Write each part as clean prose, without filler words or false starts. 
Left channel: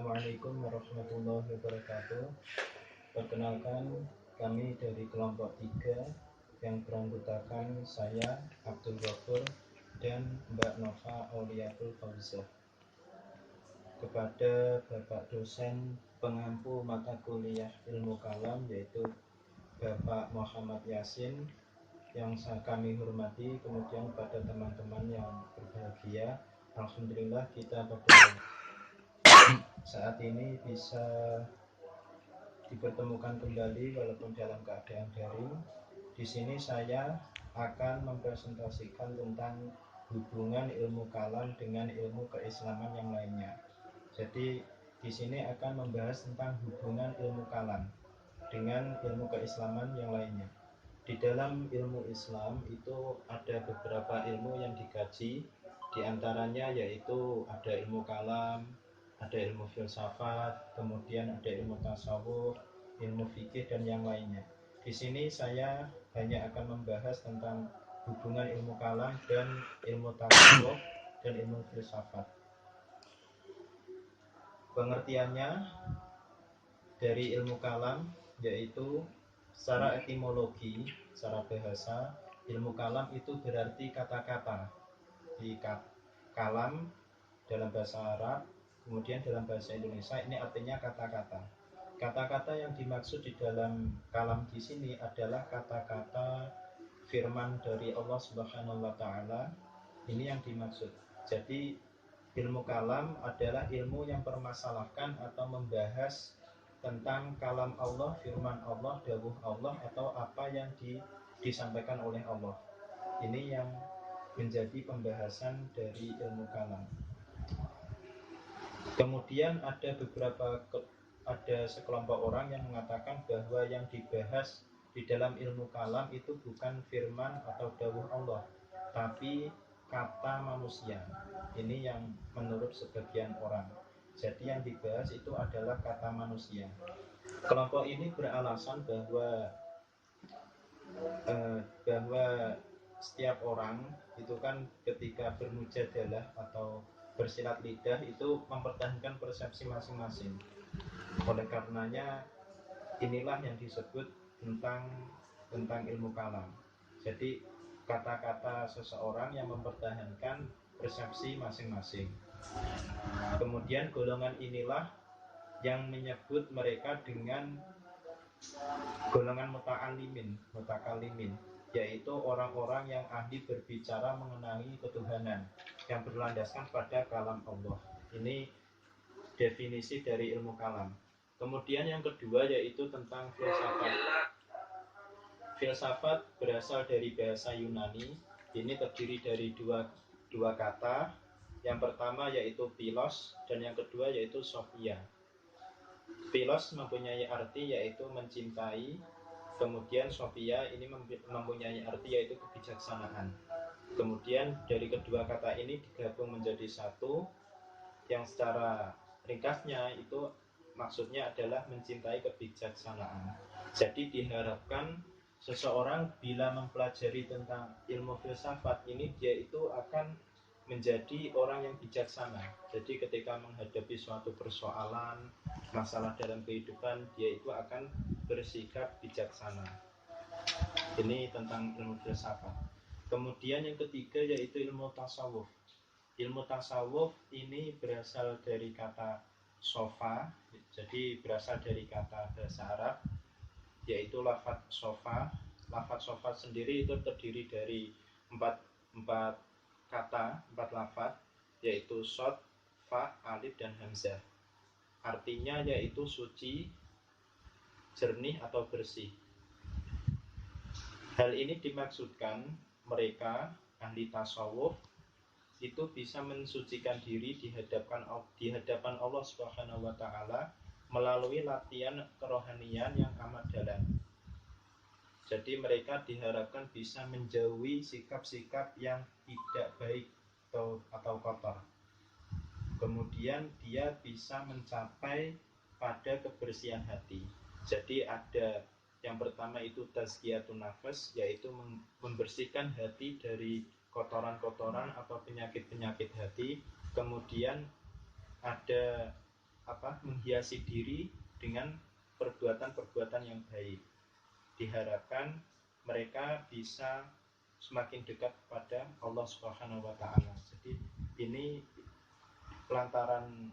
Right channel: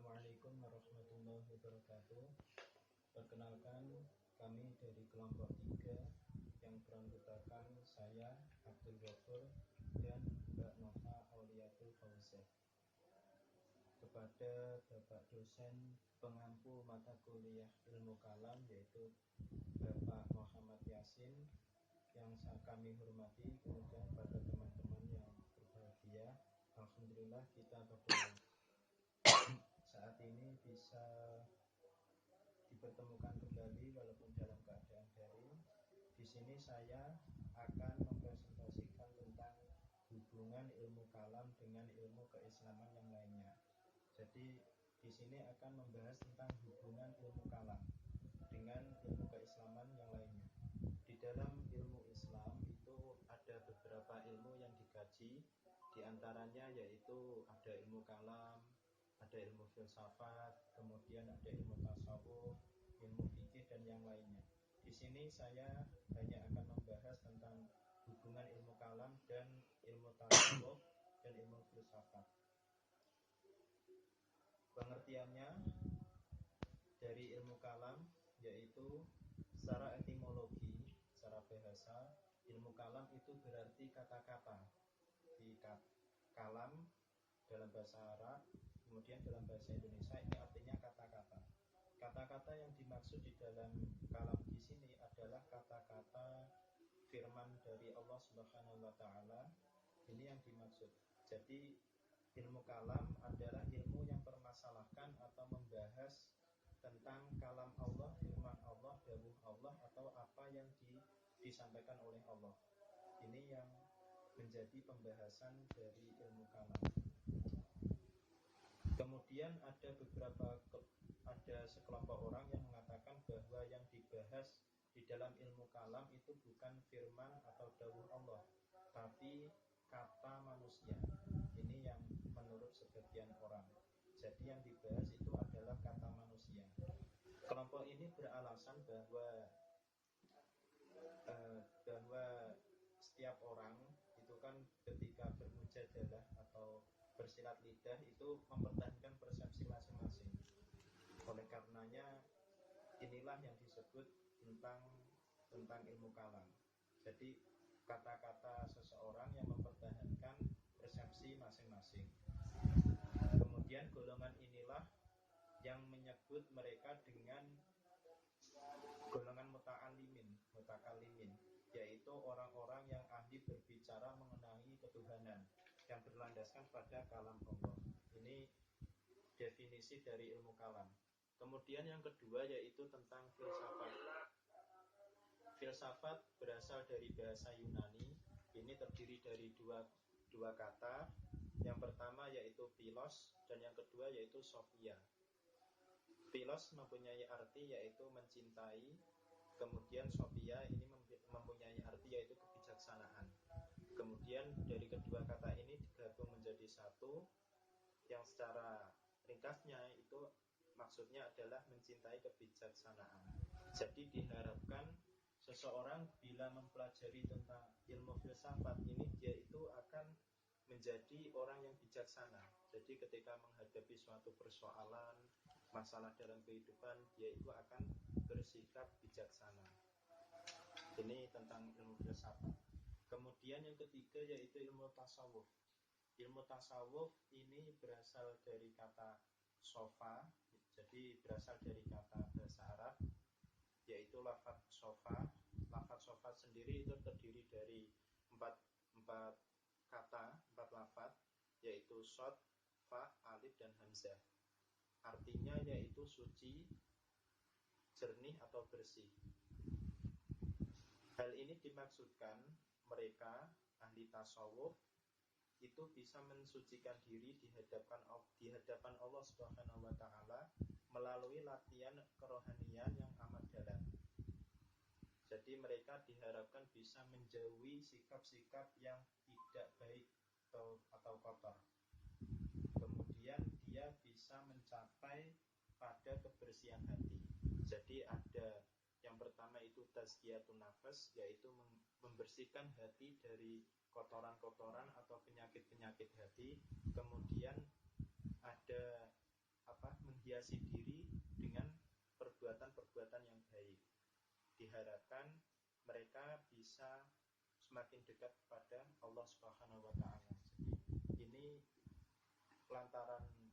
Assalamualaikum warahmatullahi wabarakatuh. Perkenalkan, kami dari kelompok 3 yang beranggotakan saya, Abdul Ghafur, dan Mbak Nova Auliatul Fauzah. Kepada Bapak dosen pengampu mata kuliah ilmu kalam, yaitu Bapak Muhammad Yasin, yang kami hormati, kemudian pada teman-teman yang berbahagia, alhamdulillah kita pada saat ini bisa dipertemukan kembali walaupun dalam keadaan daring. Di sini saya akan mempresentasikan tentang hubungan ilmu kalam dengan ilmu keislaman yang lainnya. Jadi di sini akan membahas tentang hubungan ilmu kalam dengan ilmu keislaman yang lainnya. Di dalam ilmu Islam itu ada beberapa ilmu yang dikaji, di antaranya yaitu ada ilmu kalam, ada ilmu filsafat, kemudian ada ilmu tasawuf, ilmu fikih dan yang lainnya. Di sini saya hanya akan membahas tentang hubungan ilmu kalam dan ilmu tasawuf dan ilmu filsafat. Pengertiannya dari ilmu kalam yaitu secara etimologi, secara bahasa, ilmu kalam itu berarti kata-kata. Di kalam dalam bahasa Arab, kemudian dalam bahasa Indonesia ini artinya kata-kata. Kata-kata yang dimaksud di dalam kalam di sini adalah kata-kata firman dari Allah Subhanahu wa taala. Ini yang dimaksud. Jadi ilmu kalam adalah ilmu yang permasalahkan atau membahas tentang kalam Allah, firman Allah, dawuh Allah, atau apa yang disampaikan oleh Allah. Ini yang menjadi pembahasan dari ilmu kalam. Kemudian ada sekelompok orang yang mengatakan bahwa yang dibahas di dalam ilmu kalam itu bukan firman atau dawuh Allah, tapi kata manusia. Ini yang menurut sebagian orang. Jadi yang dibahas itu adalah kata manusia. Kelompok ini beralasan bahwa setiap orang itu kan ketika bermujadalah atau bersilat lidah itu mempertahankan persepsi masing-masing. Oleh karenanya inilah yang disebut tentang ilmu kalam. Jadi kata-kata seseorang yang mempertahankan persepsi masing-masing. Kemudian golongan inilah yang menyebut mereka dengan golongan mutakalimin, yaitu orang-orang yang ahli berbicara mengenai ketuhanan yang berlandaskan pada kalam Allah. Ini definisi dari ilmu kalam. Kemudian yang kedua yaitu tentang filsafat. Filsafat berasal dari bahasa Yunani. Ini terdiri dari dua kata. Yang pertama yaitu philos dan yang kedua yaitu sophia. Philos mempunyai arti yaitu mencintai. Kemudian sophia ini mempunyai arti yaitu kebijaksanaan. Kemudian dari kedua kata ini digabung menjadi satu, yang secara ringkasnya itu maksudnya adalah mencintai kebijaksanaan. Jadi diharapkan seseorang bila mempelajari tentang ilmu filsafat ini, dia itu akan menjadi orang yang bijaksana. Jadi ketika menghadapi suatu persoalan, masalah dalam kehidupan, dia itu akan bersikap bijaksana. Ini tentang ilmu filsafat. Kemudian yang ketiga yaitu ilmu tasawuf. Ilmu tasawuf ini berasal dari kata sofa, jadi berasal dari kata bahasa Arab yaitu lafadz sofa. Lafadz sofa sendiri itu terdiri dari empat kata, 4 lafadz, yaitu shod, fa, alif, dan hamzah. Artinya yaitu suci, jernih atau bersih. Hal ini dimaksudkan mereka ahli tasawuf itu bisa mensucikan diri di hadapan Allah Subhanahu wa taala melalui latihan kerohanian yang amat dalam. Jadi mereka diharapkan bisa menjauhi sikap-sikap yang tidak baik atau kotor. Kemudian dia bisa mencapai pada kebersihan hati. Jadi ada yang pertama itu tazkiyatun nafas, yaitu membersihkan hati dari kotoran-kotoran atau penyakit-penyakit hati. Kemudian ada menghiasi diri dengan perbuatan-perbuatan yang baik. Diharapkan mereka bisa semakin dekat kepada Allah Subhanahu wa taala. Jadi ini lantaran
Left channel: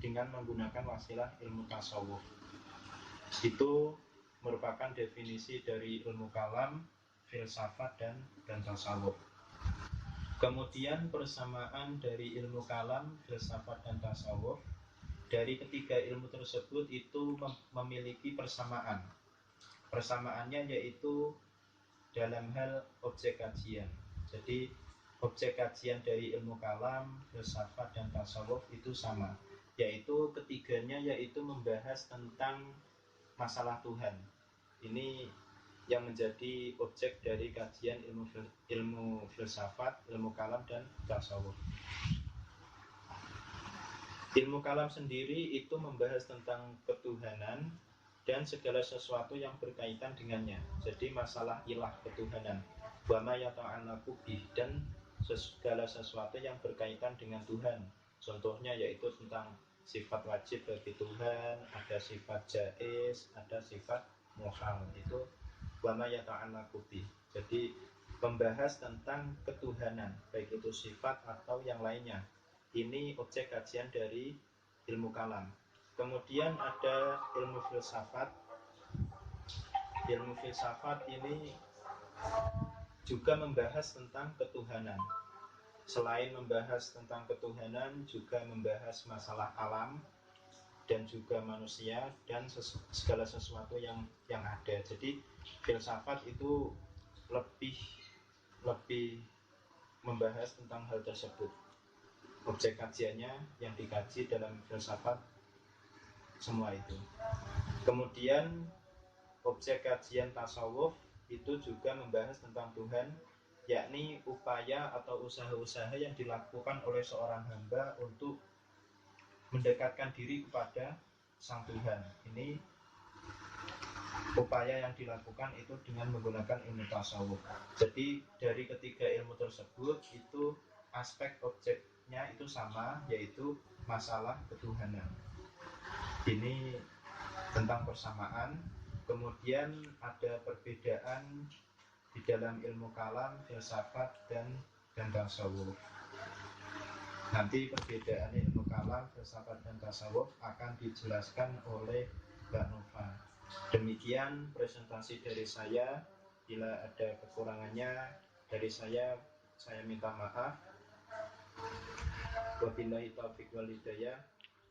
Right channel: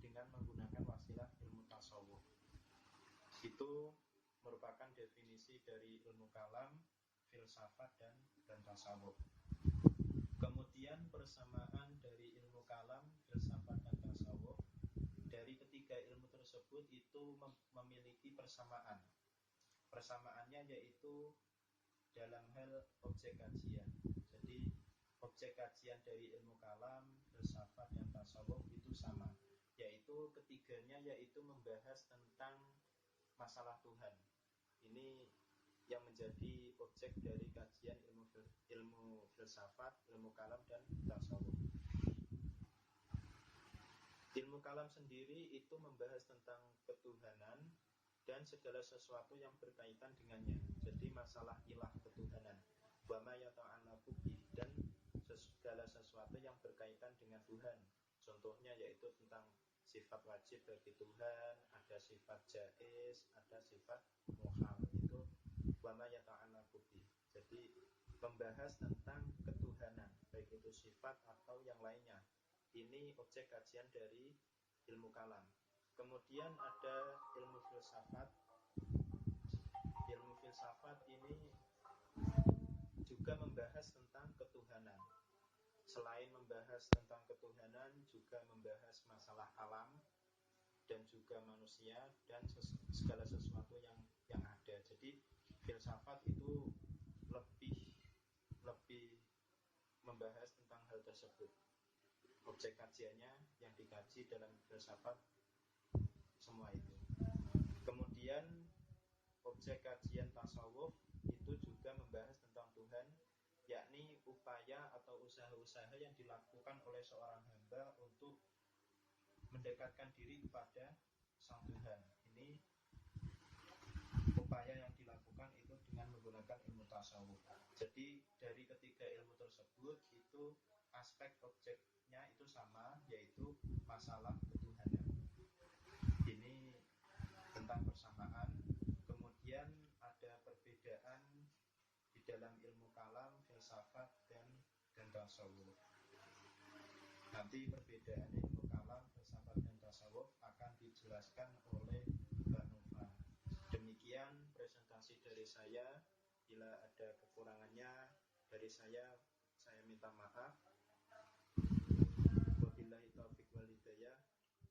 dengan menggunakan wasilah ilmu tasawuf. Itu merupakan definisi dari ilmu kalam, filsafat dan tasawuf. Kemudian persamaan dari ilmu kalam, filsafat dan tasawuf, dari ketiga ilmu tersebut itu memiliki persamaan. Persamaannya yaitu dalam hal objek kajian. Jadi objek kajian dari ilmu kalam, filsafat dan tasawuf itu sama, yaitu ketiganya yaitu membahas tentang masalah Tuhan. Ini yang menjadi objek dari kajian ilmu filsafat, ilmu kalam dan tasawuf. Ilmu kalam sendiri itu membahas tentang ketuhanan dan segala sesuatu yang berkaitan dengannya. Jadi masalah ilah ketuhanan, wa ma yata'allaqu bih, dan segala sesuatu yang berkaitan dengan Tuhan. Contohnya yaitu tentang sifat wajib bagi Tuhan, ada sifat jaiz, ada sifat muhal. Itu wa ma yata'allaqu bih. Jadi membahas tentang ketuhanan, baik itu sifat atau yang lainnya. Ini objek kajian dari ilmu kalam. Kemudian ada ilmu filsafat. Ilmu filsafat ini juga membahas tentang ketuhanan. Selain membahas tentang ketuhanan, juga membahas masalah alam dan juga manusia dan segala sesuatu yang ada. Jadi filsafat itu lebih membahas tentang hal tersebut. Objek kajiannya yang dikaji dalam filsafat semua itu. Kemudian objek kajian tasawuf itu juga membahas tentang Tuhan, yakni upaya atau usaha-usaha yang dilakukan oleh seorang hamba untuk mendekatkan diri kepada Sang Tuhan. Ini upaya yang dilakukan itu dengan menggunakan ilmu tasawuf. Jadi dari ketiga ilmu tersebut itu aspek objeknya itu sama, yaitu masalah ketuhanan. Ini tentang persamaan. Kemudian ada perbedaan di dalam ilmu kalam, filsafat dan tasawuf. Nanti perbedaan ilmu kalam, filsafat dan tasawuf akan dijelaskan oleh Mbak Nova. Demikian presentasi dari saya. Bila ada kekurangannya dari saya minta maaf. Wabillahi taufiq wal hidayah.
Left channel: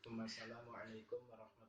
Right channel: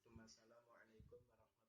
Wassalamualaikum warahmatullahi wabarakatuh.